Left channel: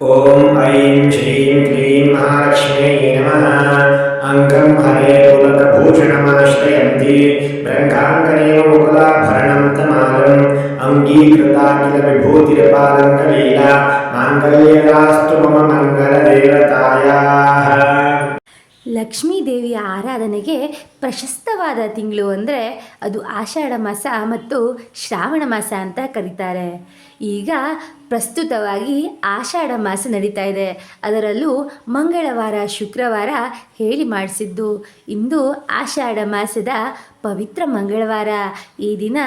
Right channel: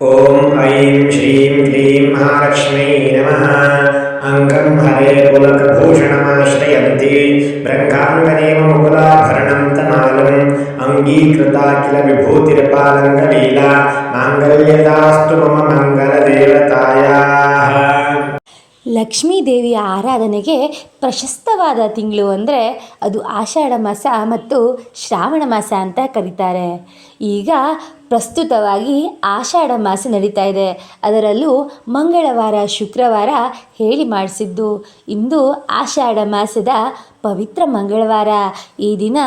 ॐ ऐं श्रीं क्लीं महालक्ष्म्यै नमः। अङ्गं हरे पुलकभूषणमाश्रयन्ती ब्रह्माङ्गनेव मुकुलाभरणं तमालम् अङ्गीकृता किल विभूतिर्पालङ्गलीला माङ्गल्यदास्तु मम मङ्गलदेवतायाः। ಲಕ್ಷ್ಮೀ ದೇವಿಯ ಆರಾಧನೆಗೆ ಪ್ರಶಸ್ತವಾದ ತಿಂಗಳು ಅಂದರೆ ಅದು ಆಷಾಢ ಮಾಸ ಮತ್ತು ಶ್ರಾವಣ ಮಾಸ ಅಂತ ಕರೀತಾರೆ. ಈಗ ಪ್ರಸ್ತುತವಾಗಿ ಆಷಾಢ ಮಾಸ ನಡೀತಾ ಇದೆ. ಅದರಲ್ಲೂ ಮಂಗಳವಾರ ಶುಕ್ರವಾರ ಹೇಳಿ ಮಾಡಿಸಿದ್ದು. ಇಂದು ಆಷಾಢ ಮಾಸದ ಪವಿತ್ರ ಮಂಗಳವಾರ. ಈ ದಿನ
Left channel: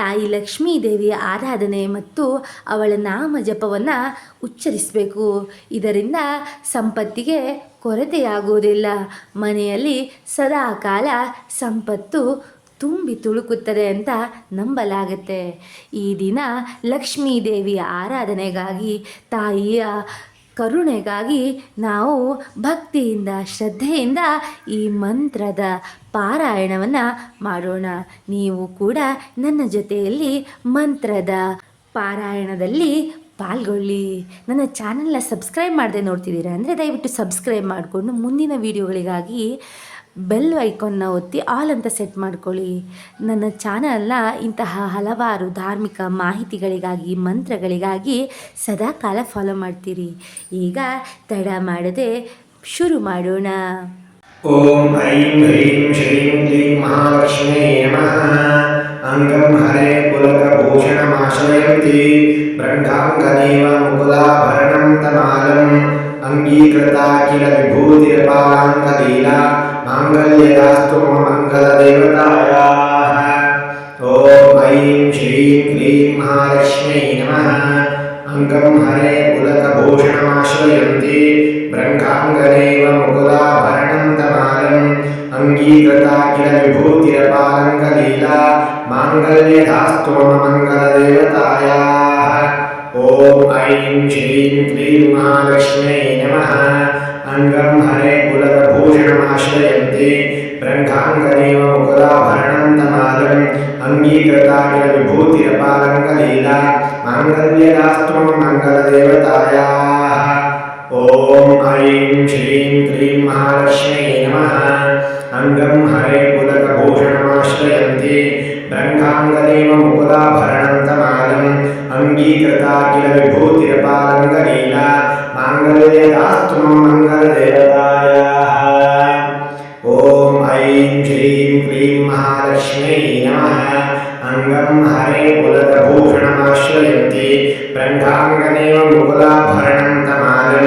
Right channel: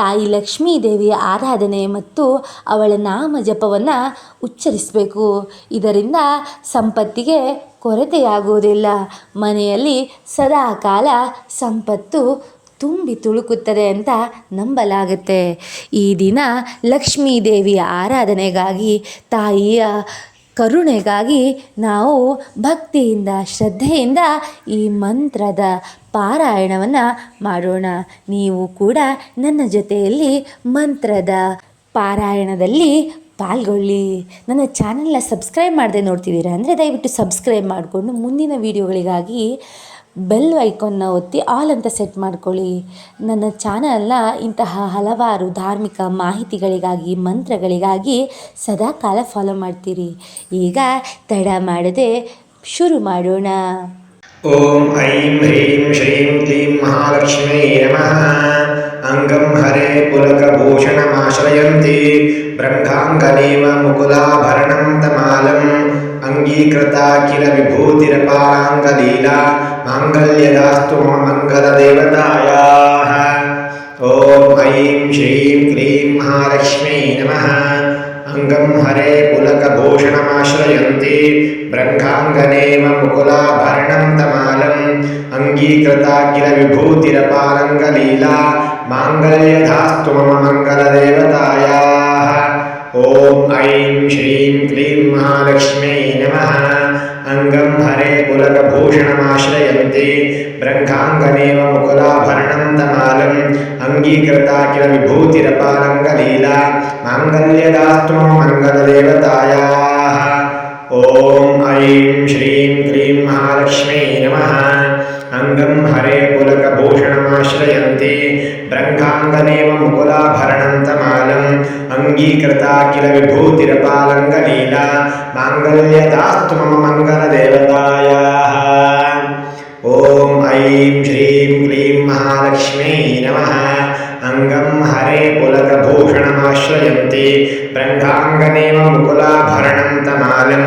ತಾಯಿ ಲಕ್ಷ್ಮೀ ದೇವಿಯ ಆರಾಧನೆ ಮತ್ತು ಅವಳ ನಾಮ ಜಪವನ್ನು ಉಚ್ಚರಿಸಬೇಕು. ಇದರಿಂದ ಸಂಪತ್ತಿಗೆ ಕೊರತೆಯಾಗುವುದಿಲ್ಲ. ಮನೆಯಲ್ಲಿ ಸದಾ ಕಾಲ ಸಂಪತ್ತು ತುಂಬಿ ತುಳುಕುತ್ತದೆ ಅಂತ ನಂಬಲಾಗುತ್ತೆ. ಈ ದಿನ ಲಕ್ಷ್ಮೀ ದೇವಿಯ ಆರಾಧನೆಗಾಗಿ, ತಾಯಿಯ ಕರುಣೆಗಾಗಿ ನಾವು ಭಕ್ತಿಯಿಂದ ಶ್ರದ್ಧೆಯಿಂದ ಈ ಮಂತ್ರದ ಪಾರಾಯಣವನ್ನು ಮಾಡೋಣ. ನೀವು ಕೂಡ ನನ್ನ ಜೊತೆಯಲ್ಲಿ ಮಂತ್ರದ ಪಾರಾಯಣದಲ್ಲಿ ಪಾಲ್ಗೊಳ್ಳಿ. ನನ್ನ ಚಾನಲ್ನ ಸಬ್ಸ್ಕ್ರೈಬ್ ಮಾಡದೆ ನೋಡ್ತಿದ್ದೀರಾ ಅಂದರೆ ದಯವಿಟ್ಟು ಸಬ್ಸ್ಕ್ರೈಬ್ ಮಾಡಿಕೊಂಡು ಮುಂದಿನ ವೀಡಿಯೋಗಳಿಗಾಗಿ ಬೆಲ್ ಐಕಾನ್ನ ಒತ್ತಿ ಆಲ್ ಅಂತ ಸೆಟ್ ಮಾಡ್ಕೊಳ್ಳಿ. ನನ್ನ ಚಾನಲ್ನ ಇಂತಹ ಹಲವಾರು ಧಾರ್ಮಿಕ ಮಾಹಿತಿಗಳಿಗಾಗಿ, ಮಂತ್ರಗಳಿಗಾಗಿ ಸದಾಕಾಲ ಫಾಲೋ ಮಾಡ್ತೀರಿ. ಈಗ ತಡ ಮಾಡದೆ ಶುರು ಮಾಡೋಣ. ಓಂ ಐಂ ಹ್ರೀಂ ಶ್ರೀಂ ಕ್ಲೀಂ ಮಹಾಲಕ್ಷ್ಮ್ಯೈ ನಮಃ. ಅಂಗಂ ಹರೆ ಪುಲಕಭೂಷಣಮಾಶ್ರಯಂತಿ ಬ್ರಹ್ಮಾಂಗನೇವ ಮುಕುಲಾಭರಣಂ ತಮಾಲಂ ಅಂಗೀಕೃತಾ ಕಿಲ ವಿಭೂತಿರ್ಪಾಲಾಂಗಲೀಲಾ ಮಾಂಗಲ್ಯದಾಸ್ತು ಮಮ ಮಂಗಲದೇವತಾಯಾಃ. ಓಂ ಐಂ ಶ್ರೀಂ ಕ್ಲೀಂ ಮಹಾಲಕ್ಷ್ಮ್ಯೈ ನಮಃ. ಅಂಗಂ ಹರೆ ಪುಲಕಭೂಷಣಮಾಶ್ರಯಂತಿ ಬ್ರಹ್ಮಾಂಗನೇವ ಮುಕುಲಾಭರಣಂ ತಮಾಲಂ ಅಂಗೀಕೃತಾ ಕಿಲ ವಿಭೂತಿರ್ಪಾಲಂಗಲೀಲಾ ಮಾಂಗಲ್ಯದಾಸ್ತು ಮಮ ಮಂಗಲದೇವತಾಯಾಃ. ಓಂ ಐಂ ಶ್ರೀಂ ಕ್ಲೀಂ ಮಹಾಲಕ್ಷ್ಮ್ಯೈ ನಮಃ. ಅಂಗಂ ಹರೆ ಪುಲಕಭೂಷಣಮಾಶ್ರಯಂತಿ ಬ್ರಹ್ಮಾಂಗನೇವ ಮುಕುಲಾಭರಣಂ ತಮಾಲಂ ಅಂಗೀಕೃತಾ ಕಿಲ ವಿಭೂತಿರ್ಪಾಲಂಗಲೀಲಾ ಮಾಂಗಲ್ಯದಾಸ್ತು ಮಮ ಮಂಗಲದೇವತಾಯಾಃ. ಓಂ ಐಂ ಶ್ರೀಂ ಕ್ಲೀಂ ಮಹಾಲಕ್ಷ್ಮ್ಯೈ ನಮಃ. ಅಂಗಂ ಹರೆ ಪುಲಕಭೂಷಣಮಾಶ್ರಯಂತಿ ಬ್ರಹ್ಮಾಂಗನೇವ ಮುಕುಲಾಭರಣಂ ತಮಾಲಂ ಅಂಗೀಕೃತಾ ಕಿಲ ವಿಭೂತಿರ್ಪಾಲಂಗಲೀಲಾ ಮಾಂಗಲ್ಯದಾಸ್ತು ಮಮ ಮಂಗಲದೇವತಾಯಾಃ. ಓಂ ಐಂ ಶ್ರೀಂ ಕ್ಲೀಂ ಮಹಾಲಕ್ಷ್ಮ್ಯೈ ನಮಃ. ಅಂಗಂ ಹರೆ ಪುಲಕಭೂಷಣಮಾಶ್ರಯಂತಿ ಬ್ರಹ್ಮಾಂಗನೇವ ಮುಕುಲಾಭರಣಂ ತಮಾಲಂ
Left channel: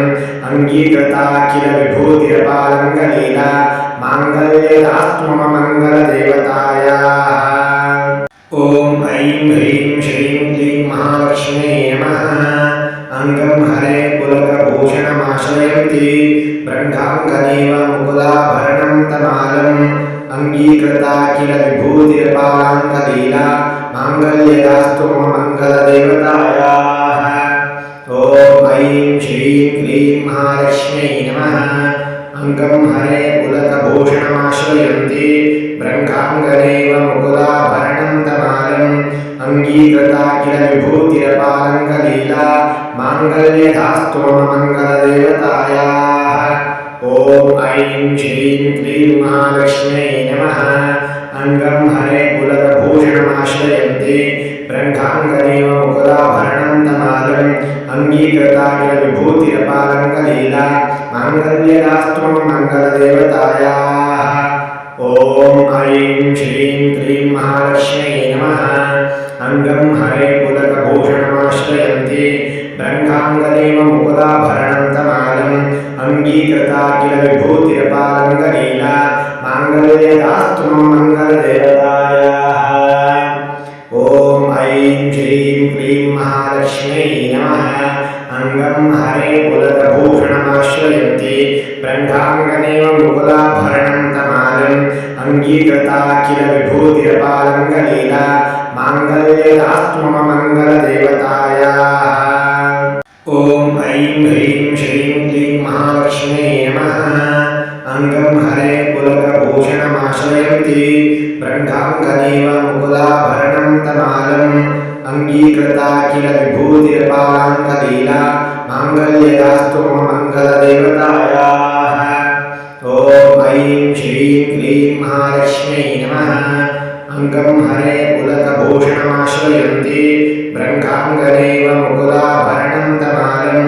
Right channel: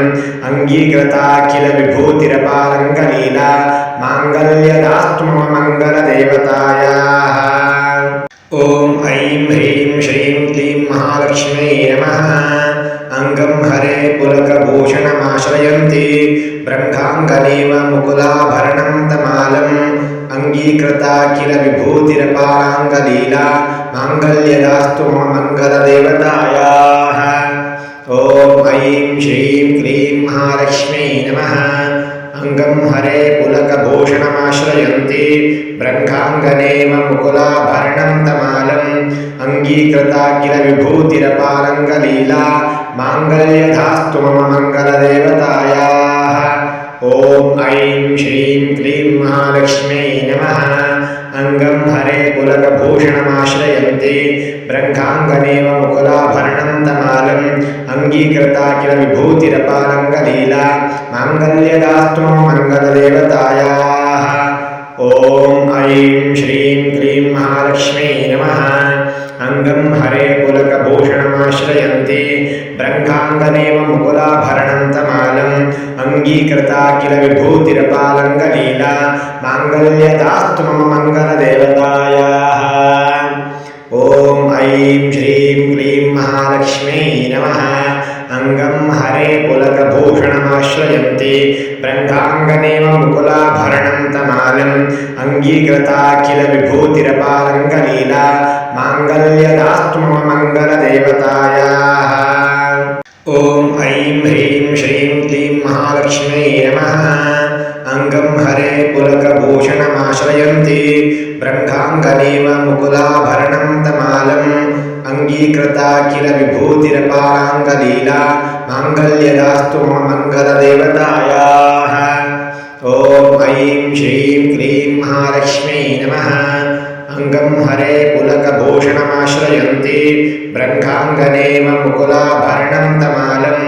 ಅಂಗೀಕೃತಾ ಕಿಲ ವಿಭೂತಿರ್ಪಾಲಂಗಲೀಲಾ ಮಾಂಗಲ್ಯದಾಸ್ತು ಮಮ ಮಂಗಲದೇವತಾಯಾಃ. ಓಂ ಐಂ ಹ್ರೀಂ ಶ್ರೀಂ ಕ್ಲೀಂ ಮಹಾಲಕ್ಷ್ಮ್ಯೈ ನಮಃ. ಅಂಗಂ ಹರೆ ಪುಲಕಭೂಷಣಮಾಶ್ರಯಂತಿ ಬ್ರಹ್ಮಾಂಗನೇವ ಮುಕುಲಾಭರಣಂ ತಮಾಲಂ ಅಂಗೀಕೃತಾ ಕಿಲ ವಿಭೂತಿರ್ಪಾಲಾಂಗಲೀಲಾ ಮಾಂಗಲ್ಯದಾಸ್ತು ಮಮ ಮಂಗಲದೇವತಾಯಾಃ. ಓಂ ಐಂ ಶ್ರೀಂ ಕ್ಲೀಂ ಮಹಾಲಕ್ಷ್ಮ್ಯೈ ನಮಃ. ಅಂಗಂ ಹರೆ ಪುಲಕಭೂಷಣಮಾಶ್ರಯಂತಿ ಬ್ರಹ್ಮಾಂಗನೇವ ಮುಕುಲಾಭರಣಂ ತಮಾಲಂ ಅಂಗೀಕೃತಾ ಕಿಲ ವಿಭೂತಿರ್ಪಾಲಂಗಲೀಲಾ ಮಾಂಗಲ್ಯದಾಸ್ತು ಮಮ ಮಂಗಲದೇವತಾಯಾಃ. ಓಂ ಐಂ ಶ್ರೀಂ ಕ್ಲೀಂ ಮಹಾಲಕ್ಷ್ಮ್ಯೈ ನಮಃ. ಅಂಗಂ ಹರೆ ಪುಲಕಭೂಷಣಮಾಶ್ರಯಂತಿ ಬ್ರಹ್ಮಾಂಗನೇವ ಮುಕುಲಾಭರಣಂ ತಮಾಲಂ ಅಂಗೀಕೃತಾ ಕಿಲ ವಿಭೂತಿರ್ಪಾಲಂಗಲೀಲಾ ಮಾಂಗಲ್ಯದಾಸ್ತು ಮಮ ಮಂಗಲದೇವತಾಯಾಃ. ಓಂ ಐಂ ಶ್ರೀಂ ಕ್ಲೀಂ ಮಹಾಲಕ್ಷ್ಮ್ಯೈ ನಮಃ. ಅಂಗಂ ಹರೆ ಪುಲಕಭೂಷಣಮಾಶ್ರಯಂತಿ ಬ್ರಹ್ಮಾಂಗನೇವ ಮುಕುಲಾಭರಣಂ ತಮಾಲಂ ಅಂಗೀಕೃತಾ ಕಿಲ ವಿಭೂತಿರ್ಪಾಲಂಗಲೀಲಾ ಮಾಂಗಲ್ಯದಾಸ್ತು ಮಮ ಮಂಗಲದೇವತಾಯಾಃ. ಓಂ ಐಂ ಶ್ರೀಂ ಕ್ಲೀಂ ಮಹಾಲಕ್ಷ್ಮ್ಯೈ ನಮಃ. ಅಂಗಂ ಹರೆ ಪುಲಕಭೂಷಣಮಾಶ್ರಯಂತಿ ಬ್ರಹ್ಮಾಂಗನೇವ ಮುಕುಲಾಭರಣಂ ತಮಾಲಂ ಅಂಗೀಕೃತಾ ಕಿಲ ವಿಭೂತಿರ್ಪಾಲಂಗಲೀಲಾ ಮಾಂಗಲ್ಯದಾಸ್ತು ಮಮ ಮಂಗಲದೇವತಾಯಾಃ. ಓಂ ಐಂ ಹ್ರೀಂ ಶ್ರೀಂ ಕ್ಲೀಂ ಮಹಾಲಕ್ಷ್ಮ್ಯೈ ನಮಃ. ಅಂಗಂ ಹರೆ ಪುಲಕಭೂಷಣಮಾಶ್ರಯಂತಿ ಬ್ರಹ್ಮಾಂಗನೇವ ಮುಕುಲಾಭರಣಂ ತಮಾಲಂ अंगीकृता किल विभूतिरपालाङ्गलीला माङ्गल्यदास्तु मम मङ्गलदेवतायाः। ॐ ऐं श्रीं क्लीं महालक्ष्म्यै नमः। अंगं हरे पुलकभूषणमाश्रयन्ति ब्रह्माङ्गनेव मुकुलाभरणं तमालम्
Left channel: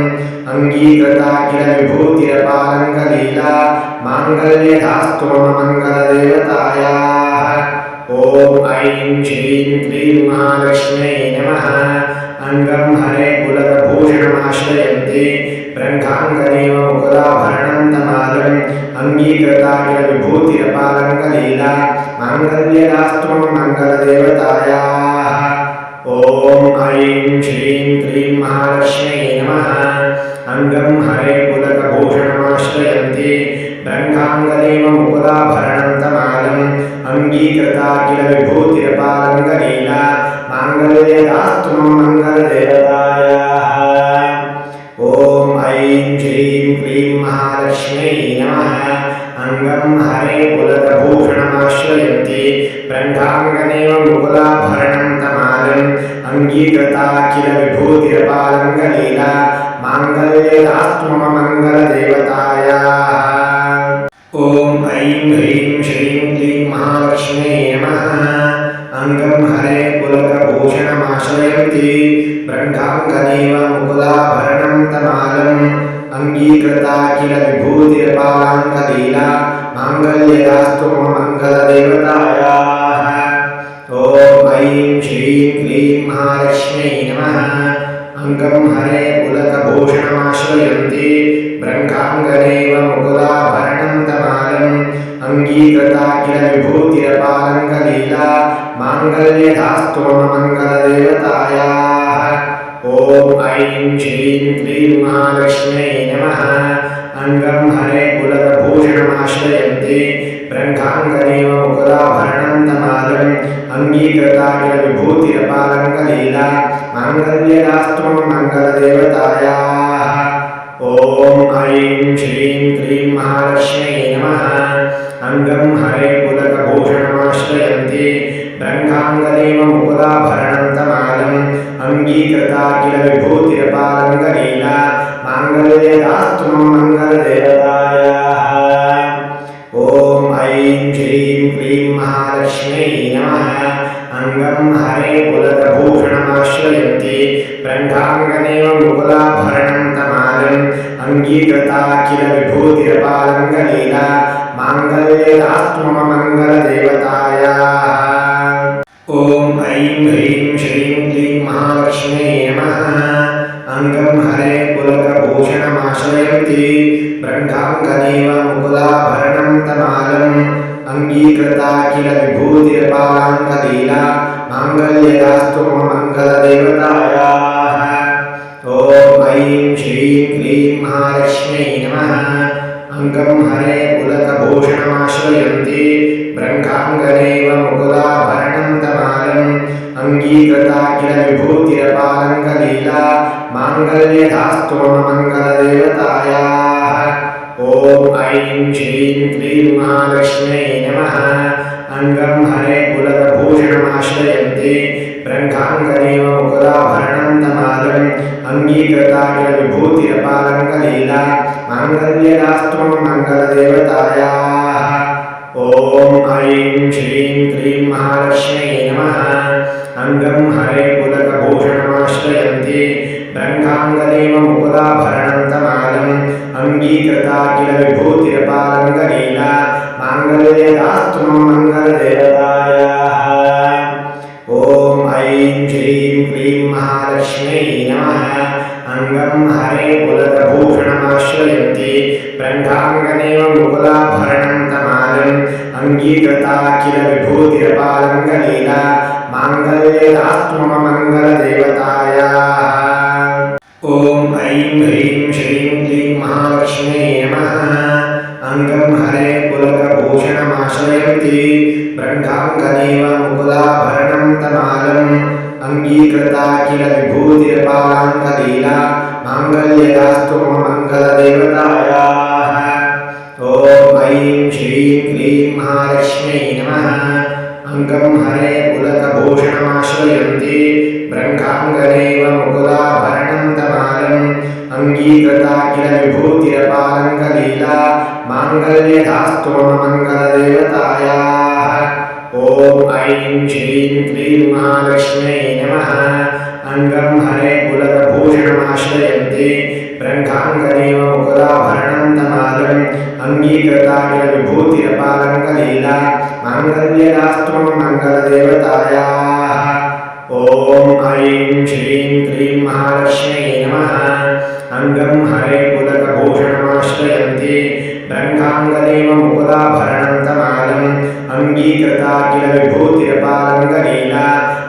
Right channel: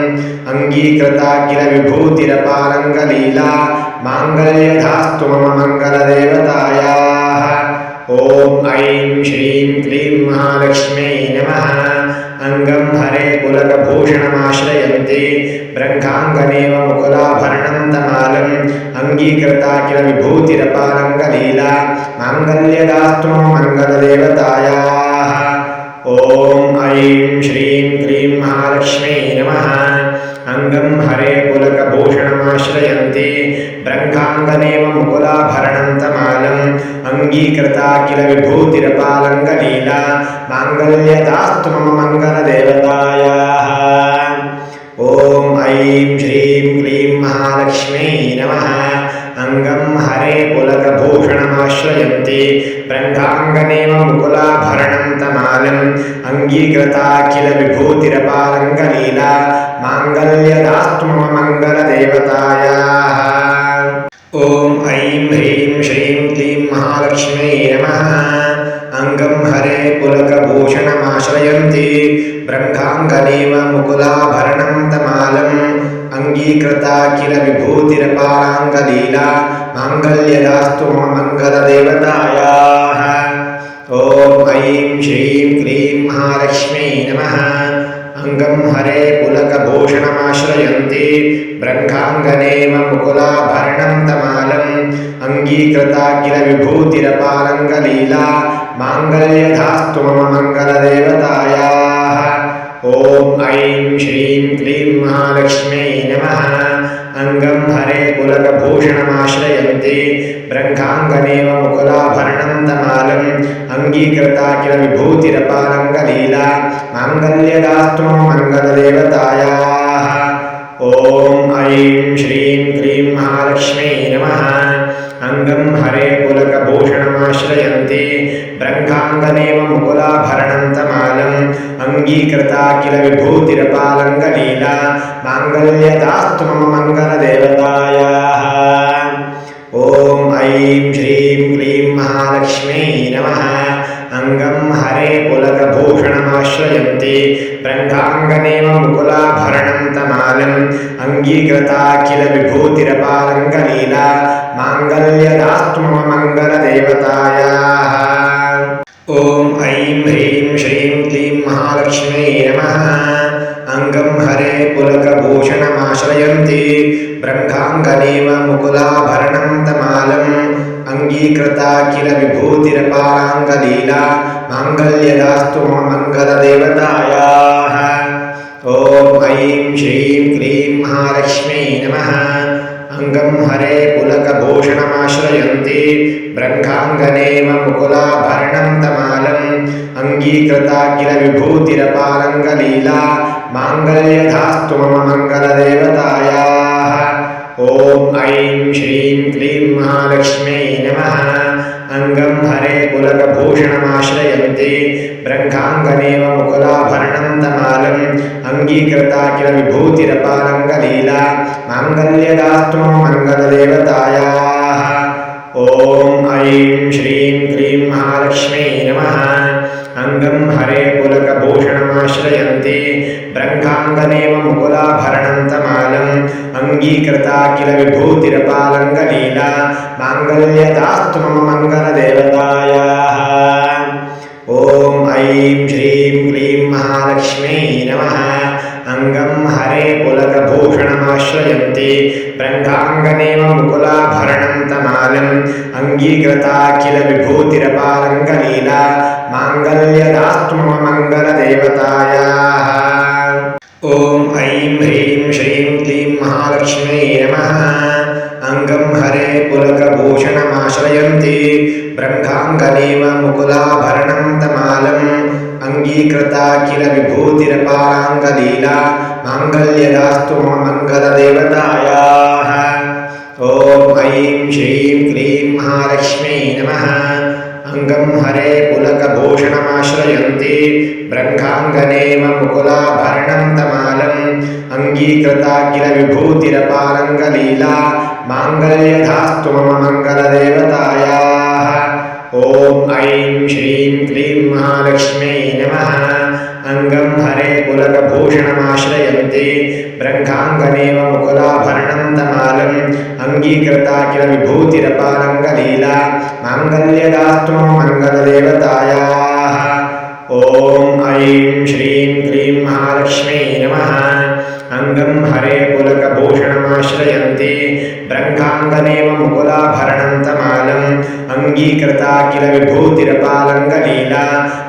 अंगीकृता किल विभूतिरपालङ्गलीला माङ्गल्यदास्तु मम मङ्गलदेवतायाः। ॐ ऐं श्रीं क्लीं महालक्ष्म्यै नमः। अंगं हरे पुलकभूषणमाश्रयन्ति ब्रह्माङ्गनेव मुकुलाभरणं तमालम् अंगीकृता किल विभूतिरपालङ्गलीला माङ्गल्यदास्तु मम मङ्गलदेवतायाः। ॐ ऐं श्रीं क्लीं महालक्ष्म्यै नमः। अंगं हरे पुलकभूषणमाश्रयन्ति ब्रह्माङ्गनेव मुकुलाभरणं तमालम् अंगीकृता किल विभूतिरपालङ्गलीला माङ्गल्यदास्तु मम मङ्गलदेवतायाः। ॐ ऐं श्रीं क्लीं महालक्ष्म्यै नमः। अंगं हरे पुलकभूषणमाश्रयन्ति ब्रह्माङ्गनेव मुकुलाभरणं तमालम् अंगीकृता किल विभूतिरपालङ्गलीला माङ्गल्यदास्तु मम मङ्गलदेवतायाः। ॐ ऐं ह्रीं श्रीं क्लीं महालक्ष्म्यै नमः। अंगं हरे पुलकभूषणमाश्रयन्ति ब्रह्माङ्गनेव मुकुलाभरणं तमालम् अंगीकृता किल विभूतिरपालाङ्गलीला माङ्गल्यदास्तु मम मङ्गलदेवतायाः। ॐ ऐं श्रीं क्लीं महालक्ष्म्यै नमः। अंगं हरे पुलकभूषणमाश्रयन्ति ब्रह्माङ्गनेव मुकुलाभरणं तमालम् अंगीकृता किल विभूतिरपालङ्गलीला माङ्गल्यदास्तु मम मङ्गलदेवतायाः। ॐ ऐं श्रीं क्लीं महालक्ष्म्यै नमः। अंगं हरे पुलकभूषणमाश्रयन्ति ब्रह्माङ्गनेव मुकुलाभरणं तमालम् अंगीकृता किल विभूतिरपालङ्गलीला माङ्गल्यदास्तु मम मङ्गलदेवतायाः। ॐ ऐं श्रीं क्लीं महालक्ष्म्यै नमः। अंगं हरे पुलकभूषणमाश्रयन्ति ब्रह्माङ्गनेव मुकुलाभरणं तमालम् अंगीकृता किल विभूतिरपालङ्गलीला माङ्गल्यदास्तु मम मङ्गलदेवतायाः। ॐ ऐं श्रीं क्लीं महालक्ष्म्यै नमः। अंगं हरे पुलकभूषणमाश्रयन्ति ब्रह्माङ्गनेव मुकुलाभरणं तमालम् अंगीकृता किल विभूतिरपालङ्गलीला माङ्गल्यदास्तु मम मङ्गलदेवतायाः। ॐ ऐं ह्रीं श्रीं क्लीं महालक्ष्म्यै नमः। अंगं हरे पुलकभूषणमाश्रयन्ति ब्रह्माङ्गनेव मुकुलाभरणं तमालम् अंगीकृता किल विभूतिरपालाङ्गलीला माङ्गल्यदास्तु मम मङ्गलदेवतायाः। ॐ ऐं श्रीं क्लीं महालक्ष्म्यै नमः। अंगं हरे पुलकभूषणमाश्रयन्ति ब्रह्माङ्गनेव मुकुलाभरणं तमालम् अंगीकृता किल विभूतिरपालङ्गलीला माङ्गल्यदास्तु मम मङ्गलदेवतायाः। ॐ ऐं श्रीं क्लीं महालक्ष्म्यै नमः। अंगं हरे पुलकभूषणमाश्रयन्ति ब्रह्माङ्गनेव मुकुलाभरणं तमालम् अंगीकृता किल विभूतिरपालङ्गलीला माङ्गल्यदास्तु मम मङ्गलदेवतायाः। ॐ ऐं श्रीं क्लीं महालक्ष्म्यै नमः। अंगं हरे पुलकभूषणमाश्रयन्ति ब्रह्माङ्गनेव मुकुलाभरणं तमालम् अंगीकृता किल विभूतिरपालङ्गलीला माङ्गल्यदास्तु मम मङ्गलदेवतायाः। ॐ ऐं श्रीं क्लीं महालक्ष्म्यै नमः। अंगं हरे पुलकभूषणमाश्रयन्ति ब्रह्माङ्गनेव मुकुलाभरणं तमालम् अंगीकृता किल विभूतिरपालङ्गलीला माङ्गल्यदास्तु मम मङ्गलदेवतायाः। ॐ ऐं ह्रीं श्रीं क्लीं महालक्ष्म्यै नमः। अंगं हरे पुलकभूषणमाश्रयन्ति ब्रह्माङ्गनेव मुकुलाभरणं तमालम् अंगीकृता किल विभूतिरपालाङ्गलीला माङ्गल्यदास्तु मम मङ्गलदेवतायाः। ॐ ऐं श्रीं क्लीं महालक्ष्म्यै नमः। अंगं हरे पुलकभूषणमाश्रयन्ति ब्रह्माङ्गनेव मुकुलाभरणं तमालम् अङ्गीकृता किल विभूतिरपालङ्गलीला माङ्गल्यधास्तु मम मङ्गलदेवतायाः। ॐ ऐं श्रीं क्लीं महालक्ष्म्यै नमः। अंगं हरे पुलकभूषणमाश्रयन्ति ब्रह्माङ्गनेव मुकुलाभरणं तमालम् अङ्गीकृता किल विभूतिरपालङ्गलीला माङ्गल्यदास्तु मम मङ्गलदेवतायाः। ॐ ऐं श्रीं क्लीं महालक्ष्म्यै नमः। अंगं हरे पुलकभूषणमाश्रयन्ति ब्रह्माङ्गनेव मुकुलाभरणं तमालम् अङ्गीकृता किल विभूतिरपालङ्गलीला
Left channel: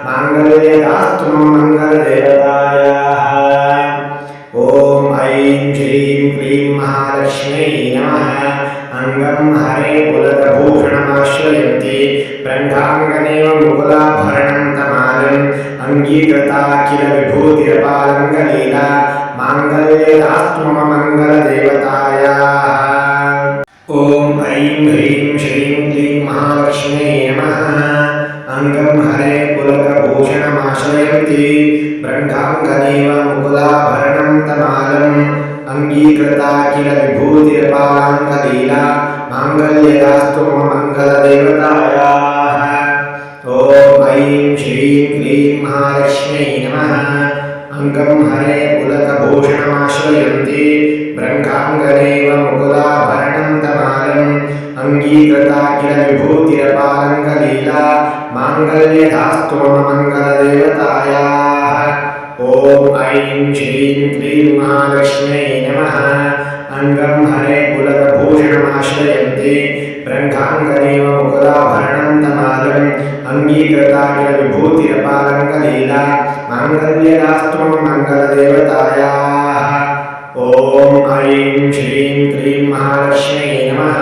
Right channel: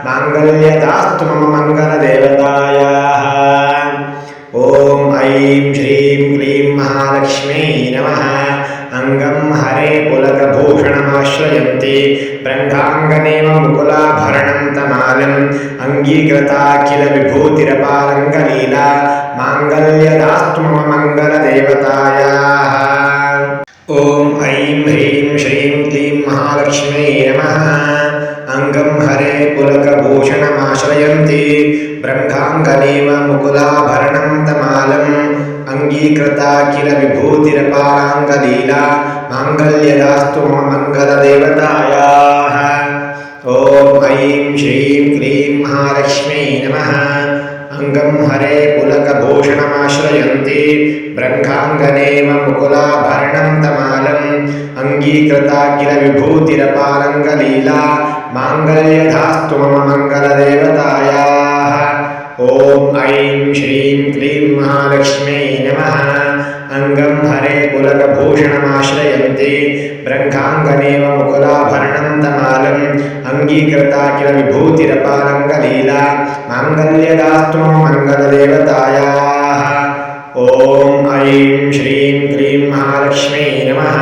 माङ्गल्यदास्तु मम मङ्गलदेवतायाः। ॐ ऐं श्रीं क्लीं महालक्ष्म्यै नमः। अंगं हरे पुलकभूषणमाश्रयन्ति ब्रह्माङ्गनेव मुकुलाभरणं तमालम् अङ्गीकृता किल विभूतिरपालङ्गलीला माङ्गल्यदास्तु मम मङ्गलदेवतायाः। ॐ ऐं ह्रीं श्रीं क्लीं महालक्ष्म्यै नमः। अंगं हरे पुलकभूषणमाश्रयन्ति ब्रह्माङ्गनेव मुकुलाभरणं तमालम् अङ्गीकृता किल विभूतिरपालाङ्गलीला माङ्गल्यदास्तु मम मङ्गलदेवतायाः। ॐ ऐं श्रीं क्लीं महालक्ष्म्यै नमः। अंगं हरे पुलकभूषणमाश्रयन्ति ब्रह्माङ्गनेव मुकुलाभरणं तमालम् अङ्गीकृता किल विभूतिरपालङ्गलीला माङ्गल्यधास्तु मम मङ्गलदेवतायाः। ॐ ऐं श्रीं क्लीं महालक्ष्म्यै नमः। अंगं हरे पुलकभूषणमाश्रयन्ति ब्रह्माङ्गनेव मुकुलाभरणं तमालम् अङ्गीकृता किल विभूतिरपालङ्गलीला माङ्गल्यदास्तु मम मङ्गलदेवतायाः। ॐ ऐं श्रीं क्लीं महालक्ष्म्यै नमः।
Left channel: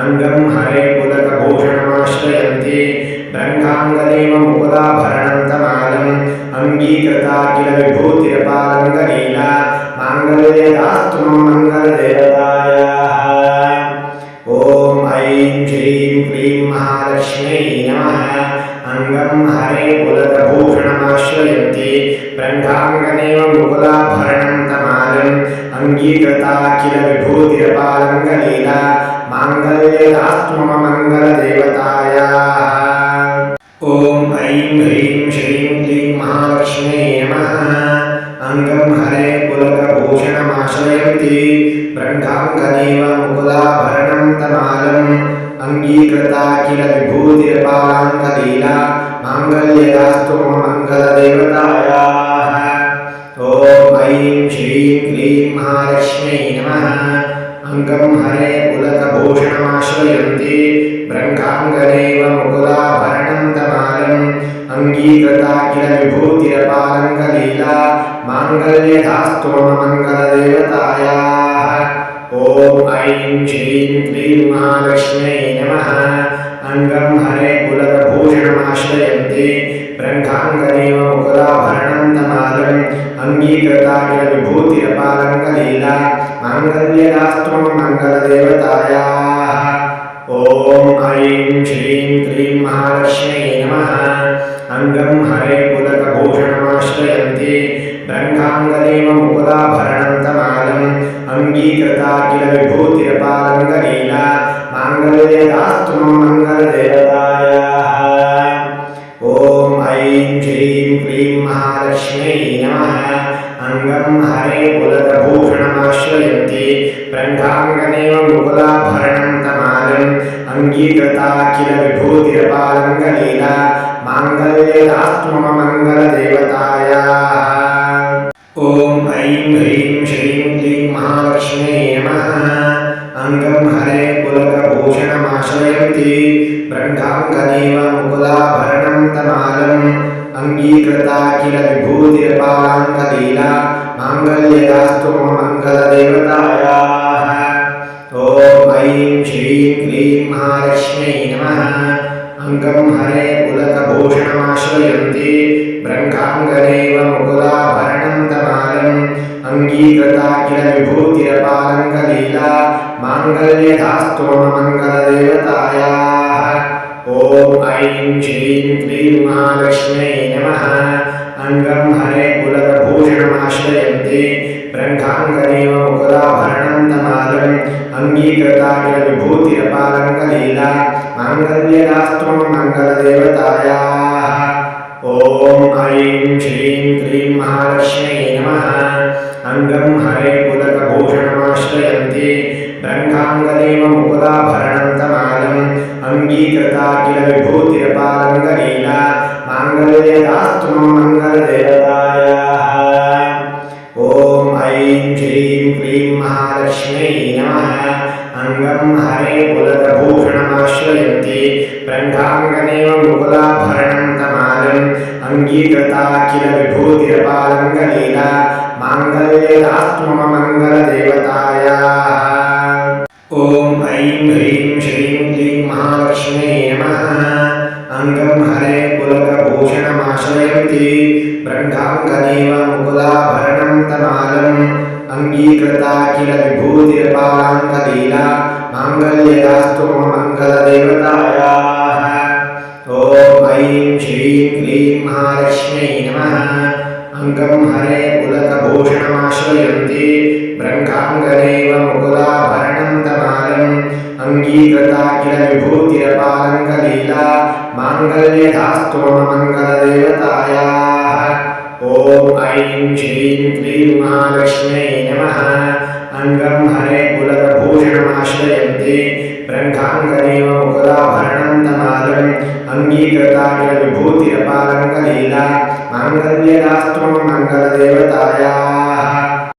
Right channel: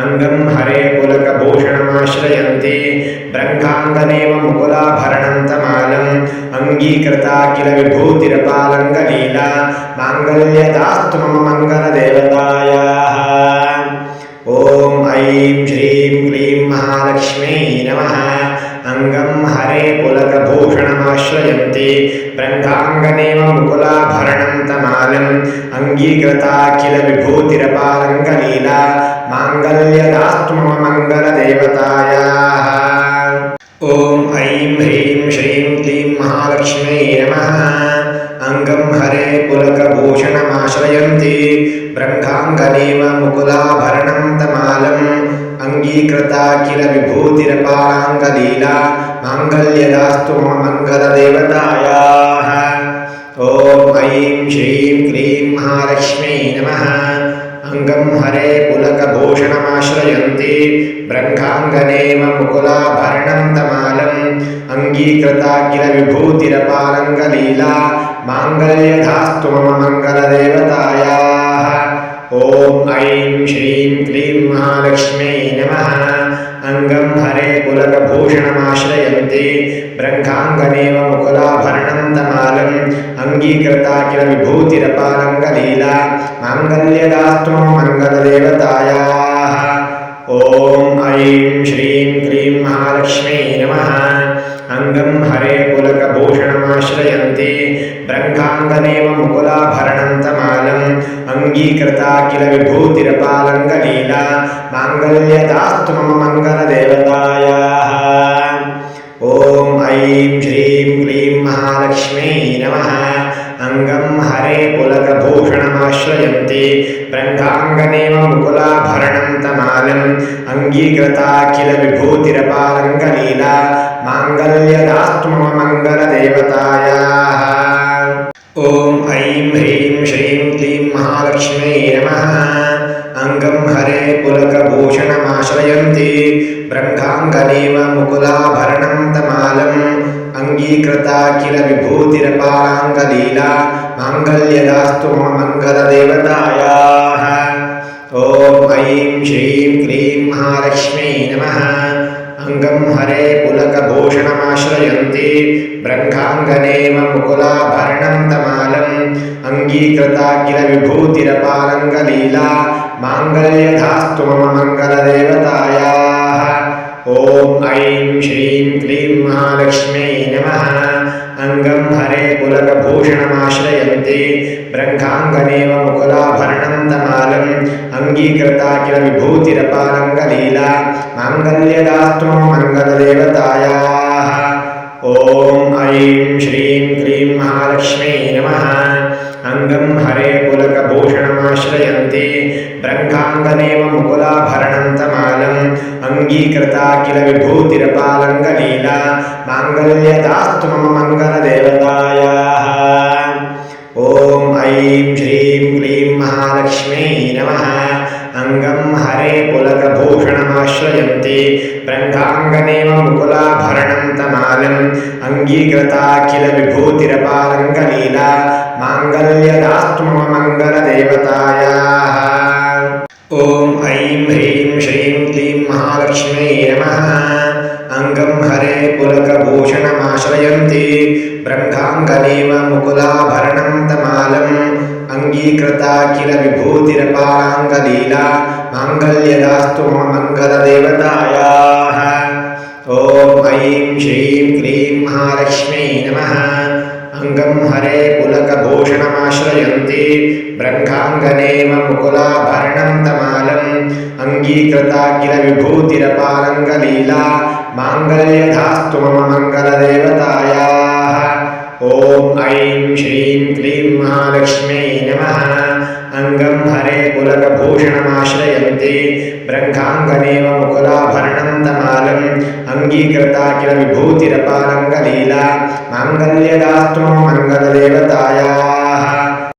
अंगं हरे पुलकभूषणमाश्रयन्ति ब्रह्माङ्गनेव मुकुलाभरणं तमालम् अङ्गीकृता किल विभूतिरपालङ्गलीला माङ्गल्यदास्तु मम मङ्गलदेवतायाः। ॐ ऐं श्रीं क्लीं महालक्ष्म्यै नमः। अंगं हरे पुलकभूषणमाश्रयन्ति ब्रह्माङ्गनेव मुकुलाभरणं तमालम् अङ्गीकृता किल विभूतिरपालङ्गलीला माङ्गल्यदास्तु मम मङ्गलदेवतायाः। ॐ ऐं ह्रीं श्रीं क्लीं महालक्ष्म्यै नमः। अंगं हरे पुलकभूषणमाश्रयन्ति ब्रह्माङ्गनेव मुकुलाभरणं तमालम् अङ्गीकृता किल विभूतिरपालाङ्गलीला माङ्गल्यदास्तु मम मङ्गलदेवतायाः। ॐ ऐं श्रीं क्लीं महालक्ष्म्यै नमः। अंगं हरे पुलकभूषणमाश्रयन्ति ब्रह्माङ्गनेव मुकुलाभरणं तमालम् अङ्गीकृता किल विभूतिरपालङ्गलीला माङ्गल्यधास्तु मम मङ्गलदेवतायाः। ॐ ऐं श्रीं क्लीं महालक्ष्म्यै नमः। अंगं हरे पुलकभूषणमाश्रयन्ति ब्रह्माङ्गनेव मुकुलाभरणं तमालम् अङ्गीकृता किल विभूतिरपालङ्गलीला माङ्गल्यदास्तु मम मङ्गलदेवतायाः। ॐ ऐं श्रीं क्लीं महालक्ष्म्यै नमः। अंगं हरे पुलकभूषणमाश्रयन्ति ब्रह्माङ्गनेव मुकुलाभरणं तमालम् अङ्गीकृता किल विभूतिरपालङ्गलीला माङ्गल्यदास्तु मम मङ्गलदेवतायाः। ॐ ऐं श्रीं क्लीं महालक्ष्म्यै नमः। अंगं हरे पुलकभूषणमाश्रयन्ति ब्रह्माङ्गनेव मुकुलाभरणं तमालम् अङ्गीकृता किल विभूतिरपालङ्गलीला माङ्गल्यदास्तु मम मङ्गलदेवतायाः। ॐ ऐं ह्रीं श्रीं क्लीं महालक्ष्म्यै नमः। अंगं हरे पुलकभूषणमाश्रयन्ति ब्रह्माङ्गनेव मुकुलाभरणं तमालम् अङ्गीकृता किल विभूतिरपालाङ्गलीला माङ्गल्यदास्तु मम मङ्गलदेवतायाः। ॐ ऐं श्रीं क्लीं महालक्ष्म्यै नमः। अंगं हरे पुलकभूषणमाश्रयन्ति ब्रह्माङ्गनेव मुकुलाभरणं तमालम् अङ्गीकृता किल विभूतिरपालङ्गलीला माङ्गल्यधास्तु मम मङ्गलदेवतायाः। ॐ ॐ ऐं श्रीं क्लीं महालक्ष्म्यै नमः। अङ्गं हरे पुलकभूषणमाश्रयन्ति ब्रह्माङ्गनेव मुकुलाभरणं तमालम् अङ्गीकृता किल विभूतिरपालङ्गलीला माङ्गल्यदास्तु मम मङ्गलदेवतायाः। ॐ ऐं श्रीं क्लीं महालक्ष्म्यै नमः। अङ्गं हरे पुलकभूषणमाश्रयन्ति ब्रह्माङ्गनेव मुकुलाभरणं तमालम् अङ्गीकृता किल विभूतिरपालङ्गलीला माङ्गल्यदास्तु मम मङ्गलदेवतायाः। ॐ ऐं श्रीं क्लीं महालक्ष्म्यै नमः। अङ्गं हरे पुलकभूषणमाश्रयन्ति ब्रह्माङ्गनेव मुकुलाभरणं तमालम् अङ्गीकृता किल विभूतिरपालङ्गलीला माङ्गल्यदास्तु मम मङ्गलदेवतायाः। ॐ ऐं ह्रीं श्रीं क्लीं महालक्ष्म्यै नमः। अङ्गं हरे पुलकभूषणमाश्रयन्ति ब्रह्माङ्गनेव मुकुलाभरणं तमालम् अङ्गीकृता किल विभूतिरपालाङ्गलीला माङ्गल्यदास्तु मम मङ्गलदेवतायाः। ॐ ऐं श्रीं क्लीं महालक्ष्म्यै नमः। अङ्गं हरे पुलकभूषणमाश्रयन्ति ब्रह्माङ्गनेव मुकुलाभरणं तमालम् अङ्गीकृता किल विभूतिरपालङ्गलीला माङ्गल्यदास्तु मम मङ्गलदेवतायाः। ॐ ऐं श्रीं क्लीं महालक्ष्म्यै नमः। अङ्गं हरे पुलकभूषणमाश्रयन्ति ब्रह्माङ्गनेव मुकुलाभरणं तमालम् अङ्गीकृता किल विभूतिरपालङ्गलीला माङ्गल्यदास्तु मम मङ्गलदेवतायाः।